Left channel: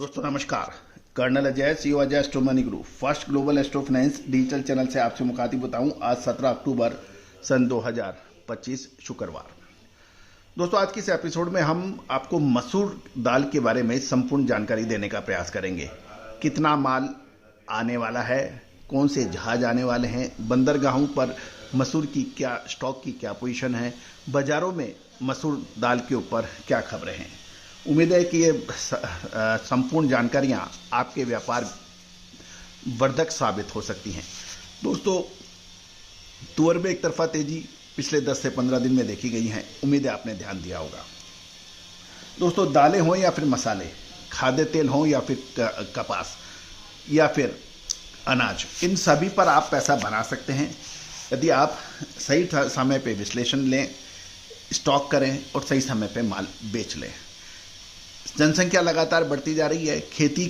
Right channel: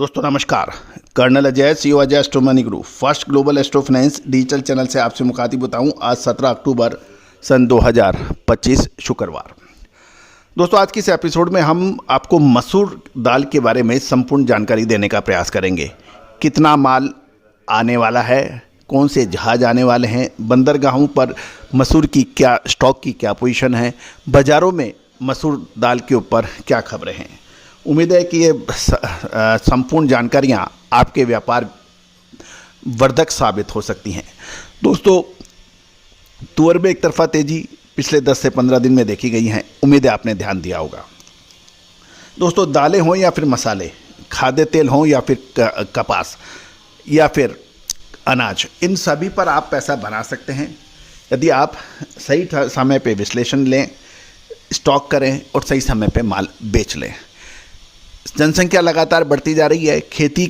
दोस्तों नमस्कार। Colonel Ajay, CEO Ajay astro money group, first global astro finance digital channel से आपसे मुखातिब होता हूं। आज 17 अक्टूबर सन 2025 शुक्रवार। दोस्तों आज के इस एपिसोड में हम आपको मसूर दाल के बारे में संपूर्ण जानकारी देने का प्रयास करेंगे। कितना माल आने वाला है, कौन से जहाज आने वाले हैं, बंदरगाहों पर मसूर की क्या स्टॉक की क्या पोजीशन है, बाज़ारों में मसूर दाल के ऊपर क्या खबरें हैं। उम्मीद है कि ये संपूर्ण जानकारियाँ आपके व्यापार वर्धक साबित हो सकती हैं। दोस्तों तुअर में एक तरफा तेजी पिछले 10 से 15 दिन में देखी गई हैं। उम्मीद है आपने ध्यान दिया होगा। दोस्तों दालें हों या फिर मसाले, खाद्य तेल हों या फिर कपास या फिर अनाज, इन सभी पर आप पैसा बना सकते हैं यदि आप सही समय पे विश्लेषण लें, स्टॉक करें और सही समय पे माल बेच लें। जनसंख्या लगातार बढ़ती जा रही है, खेती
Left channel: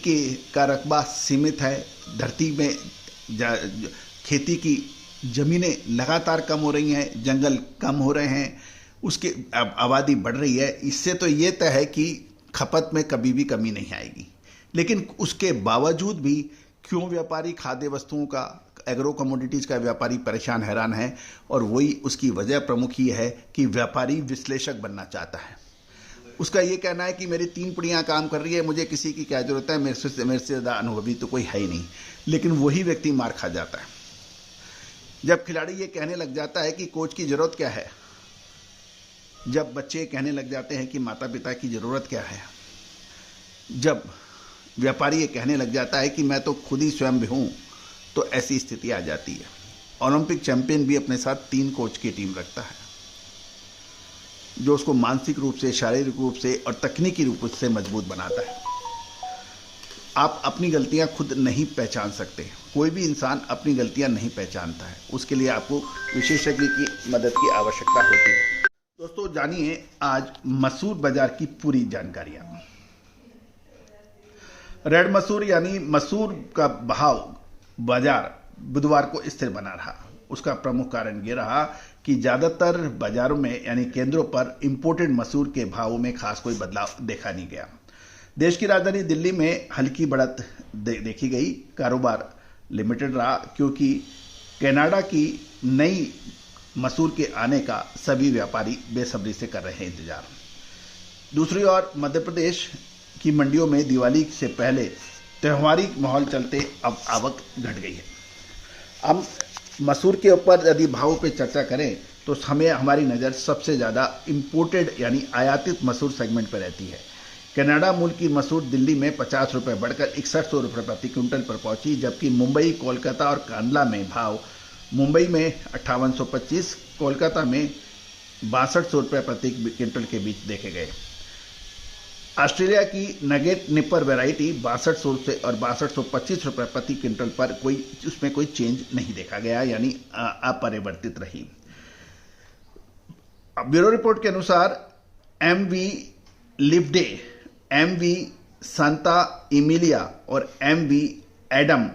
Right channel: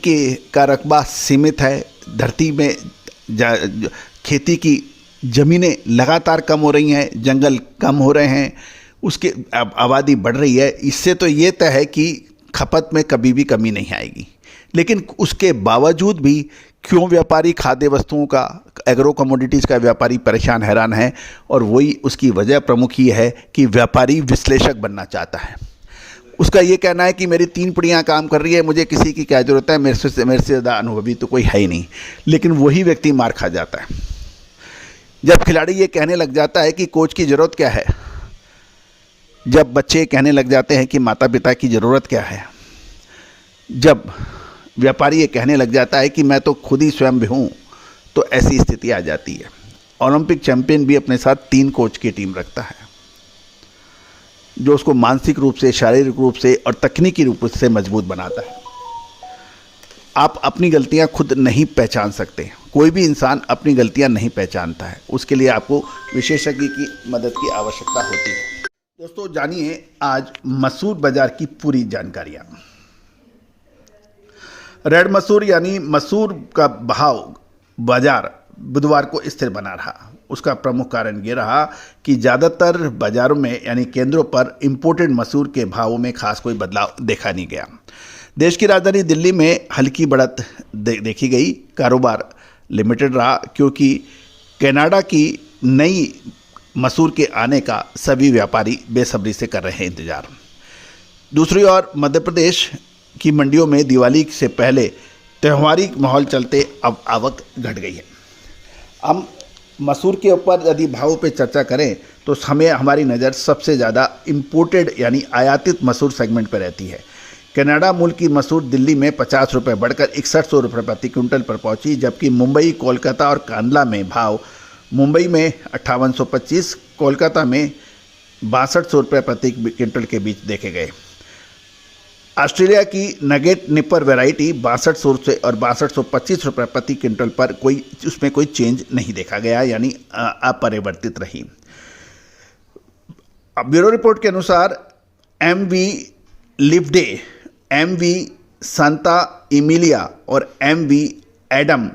का रकबा सीमित है, धरती में खेती की ज़मीनें लगातार कम हो रही हैं, जंगल कम हो रहे हैं, उसके आबादी बढ़ रही है। इससे तो ये तय है कि खपत में कभी भी कमी नहीं आएगी। लेकिन उसके बावजूद भी क्यों व्यापारी खाद्य वस्तुओं का, एग्रो कमोडिटीज़ का व्यापारी परेशान हैरान है, और वही उसकी वजह प्रमुख ही है कि व्यापारी विश्लेषक बनना चाहता है। उसका ये कहना है कि मेरी 3 पीढ़ियाँ काम कर रही है, मुझे किसी की क्या ज़रूरत है, मेरे से ज़्यादा अनुभवी तो कोई है ही नहीं। लेकिन वही व्यक्ति मार खा जाता है जब खिलाड़ी ये कहने लग जाता है कि कोच की ज़रूरत क्या है, जब बच्चे कहने लग जाते हैं कि माता पिता की ज़रूरत क्या है, जब व्यापारी ये कहने लग जाता है कि मैं तो खुद ही स्वयं भी हूँ, तो ऐसी स्थिति आ जाती है। ओलंपिक चैंपियन भी अपने साथ 3 कोच की टीम रखता है जो उसको मानसिक रूप से, शारीरिक रूप से और तकनीकी रूप से मजबूत बनाता है। आप अपनी गलतियां खुद नहीं पहचान सकते, कोई भी इंसान अपनी गलतियां नहीं पहचानता है, उसके लिए आपको विशेषज्ञ की मदद की आवश्यकता होती है। दोस्तों जानिए आज मसूर बाजार की पूरी जानकारियां। रेड मसूर यानी मसूर का भाव बाजार बुधवार को स्थिर बना रहा। उसका प्रमुख कारण ये रहा कि ज़्यादातर बाज़ारों में यानी केंद्रों पर इंपोर्टेड मसूर के भावों में खास कोई बदलाव देखा नहीं गया। देश की राजधानी दिल्ली में हल्की बढ़त देखी गई। कारोबार लिमिटेड रहा क्योंकि कनाडा की नई मसूर के आने का सभी व्यापारी बेसब्री से कर रहे हैं इंतज़ार। दूसरी ओर मध्य प्रदेश की मंडियों में दिवाली से पहले त्यौहारी माहौल चलते अब आवक घट गई है। हम मसूर के ऊपर यदि भावों पे चर्चा करें तो हमें हमारी नज़र सबसे ज़्यादा इंपोर्टेड यानी आयातित मसूर सेगमेंट पर रहती है। कनाडा मूल की मसूर दिल्ली में 50 रुपये बढ़कर 6100 रुपये प्रति क्विंटल पर पहुंची, जबकि मुंबई, कोलकाता और कांडला में भाव मुंबई में 5825, कोलकाता में 6200 रुपये प्रति क्विंटल के बीच देखे गए। ऑस्ट्रेलिया की नगेट निपर वैरायटी 6200 से और 6225 रुपये प्रति क्विंटल पर उसमें कोई चेंज नहीं देखा गया, यानी अपरिवर्तित रही। ब्यूरो रिपोर्ट के अनुसार MV लिवडे, MV सांता इमिलिया और MV एडम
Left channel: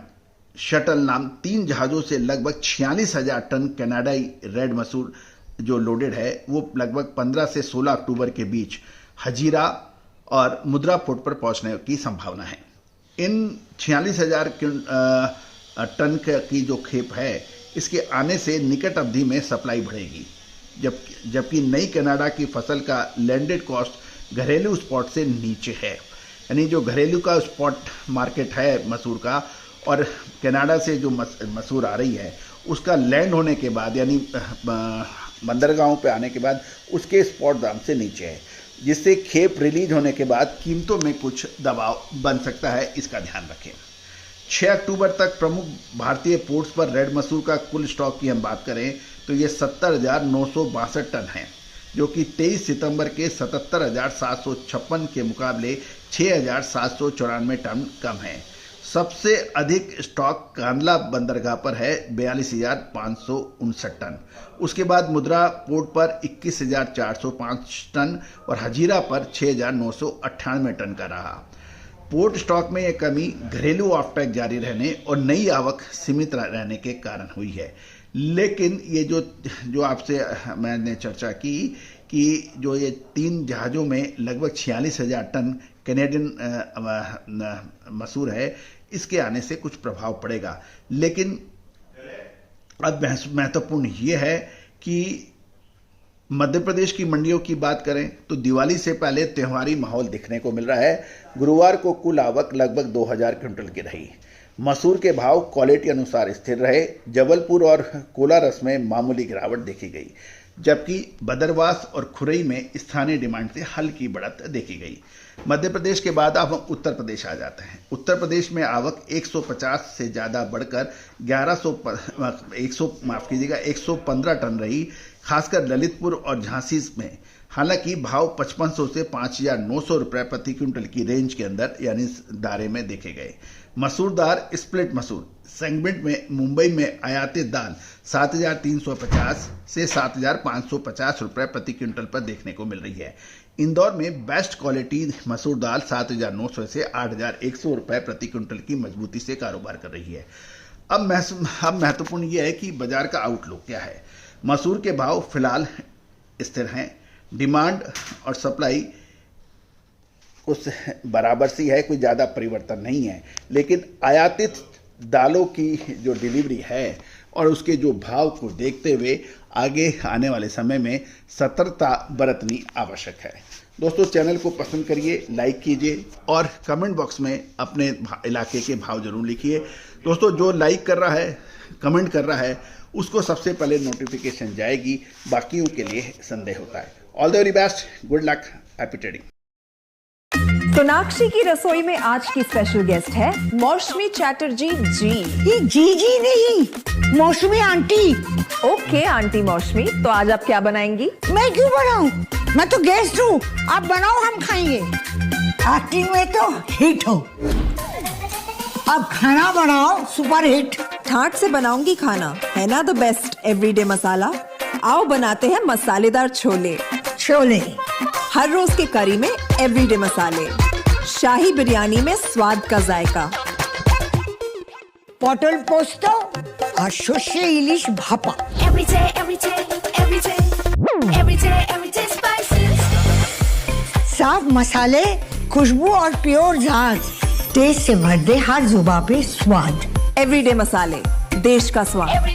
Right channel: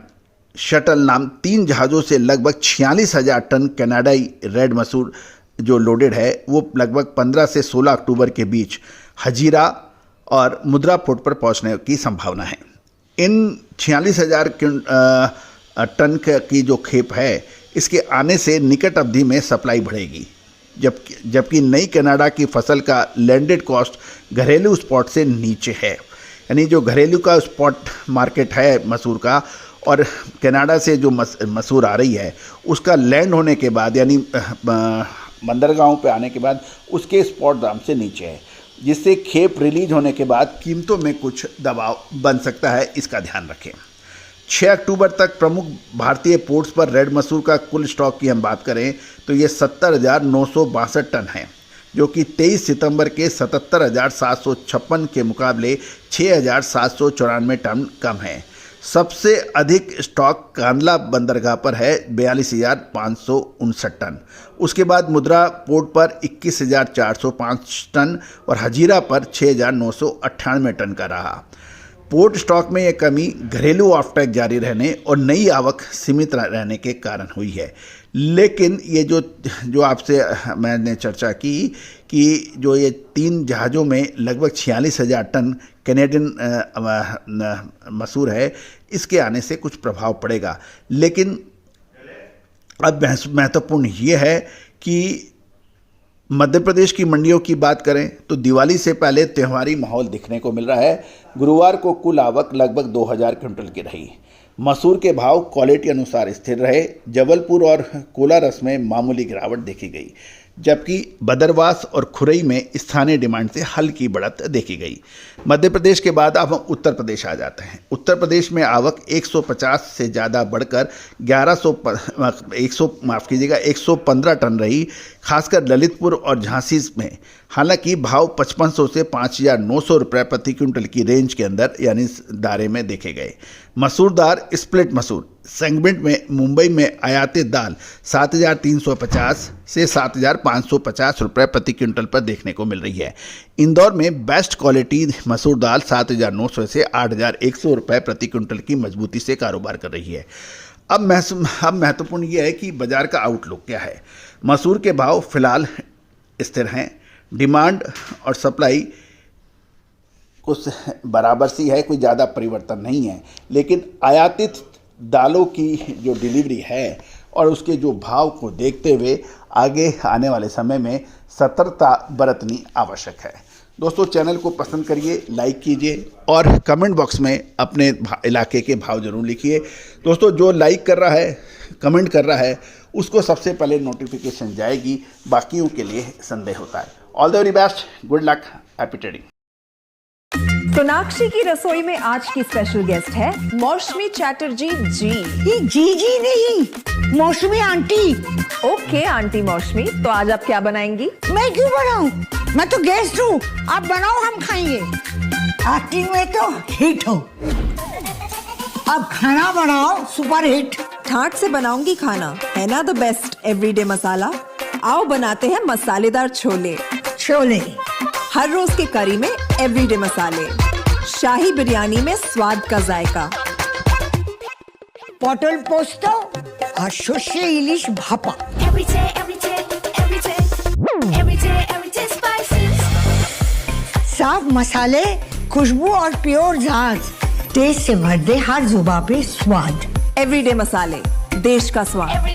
शटल नाम 3 जहाज़ों से लगभग 46,000 टन कनाडाई रेड मसूर जो लोडेड है वो लगभग 15 से 16 अक्टूबर के बीच हजीरा और मुद्रा पोर्ट पर पहुंचने की संभावना है। इन 46,000 टन की जो खेप है, इसके आने से निकट अवधि में सप्लाई बढ़ेगी, जबकि नई कनाडा की फसल का लैंडेड कॉस्ट घरेलू स्पॉट से नीचे है। यानी जो घरेलू का स्पॉट मार्केट है मसूर का और कनाडा से जो मसूर आ रही है उसका लैंड होने के बाद यानी बंदरगाहों पे आने के बाद उसके स्पॉट दाम से नीचे है, जिससे खेप रिलीज होने के बाद कीमतों में कुछ दबाव बन सकता है। इसका ध्यान रखें। 6 अक्टूबर तक प्रमुख भारतीय पोर्ट्स पर रेड मसूर का कुल स्टॉक की हम बात करें तो ये 70,962 टन है, जो कि 23 सितंबर के 77,756 के मुकाबले 6,794 टन कम है। सबसे अधिक स्टॉक कांडला बंदरगाह पर है 42,559 टन। उसके बाद मुद्रा पोर्ट पर 21,405 टन और हजीरा पर 6,998 टन का रहा। पोर्ट स्टॉक में यह कमी घरेलू ऑफटैक जारी रहने और नई आवक सीमित रहने के कारण हुई है। लेकिन ये जो आपसे मैंने चर्चा की कि जो ये 3 जहाज़ों में लगभग 46,000 टन कैनेडियन मसूर है, इसके आने से कुछ प्रभाव पड़ेगा। लेकिन अब महत्वपूर्ण ये है कि मध्य प्रदेश की मंडियों की बात करें तो दिवाली से पहले त्योहारी माहौल दिखने को मिल रहा है। गुरुवार को कुल आवक लगभग 2000 क्विंटल की रही। मसूर के भाव क्वालिटी अनुसार स्थिर रहे। जबलपुर और कोलारस में मामूली गिरावट देखी गई, जबकि बदरवास और खुरई में स्थानीय डिमांड से हल्की बढ़त देखी गई। मध्य प्रदेश के बाद अब हम उत्तर प्रदेश आ जाते हैं। उत्तर प्रदेश में आवक 150 से ज़्यादा बढ़कर 115 टन रही, खासकर ललितपुर और झांसी में। हालांकि भाव 5500 से 5900 रुपये प्रति क्विंटल की रेंज के अंदर यानी दायरे में देखे गए। मसूर दाल स्प्लिट मसूर सेगमेंट में मुंबई में आयातित दाल 7350 से 7550 रुपये प्रति क्विंटल पर देखने को मिल रही है। इंदौर में बेस्ट क्वालिटी मसूर दाल 7900 से 8100 रुपये प्रति क्विंटल की मजबूती से कारोबार कर रही है। अब महत्वपूर्ण यह है कि बाजार का आउटलुक क्या है। मसूर के भाव फिलहाल स्थिर हैं। डिमांड और सप्लाई कुछ बराबर सी है, कोई ज़्यादा परिवर्तन नहीं है। लेकिन आयातित दालों की जो डिलीवरी है और उसके जो भाव को देखते हुए आगे आने वाले समय में सतर्कता बरतनी आवश्यक है। दोस्तों, चैनल को पसंद करिए, लाइक कीजिए और कमेंट बॉक्स में अपने इलाके के भाव जरूर लिखिए। दोस्तों, जो लाइक कर रहा है, कमेंट कर रहा है, उसको सबसे पहले नोटिफिकेशन जाएगी, बाकियों के लिए संदेह होता है। All the very best, good luck, happy trading. Sonakshi की रसोई में आज की स्पेशल गेस्ट है मौसमी चैटर्जी जी। ये जी नहीं, मौसमी आंटी। ओके आंटी मौसमी, तो आज आप क्या बनाएंगी? मैं क्यों बनाऊं? मैं तो गेस्ट हूँ, आप बनाओ, हम खाएंगे। एक्टिंग में तो हिट हो, अब खाना बनाओ सुपर हिट। ठाट से बनाऊंगी खाना, है ना द बेस्ट एवरीडे मसाला। आओ बनाते हैं मसालेदार छोले। छोले हर रोज के करी में एवरीडे मसाले, शाही बिरयानी में स्वाद का जायका। पटल पोस्तो और सर्षे इलिश भापा। साफ मसाले, खुशबू और प्योर झांझ, टेस्ट से भर दे हर जुबान पे स्वाद। एवरीडे मसाले, देश का स्वाद।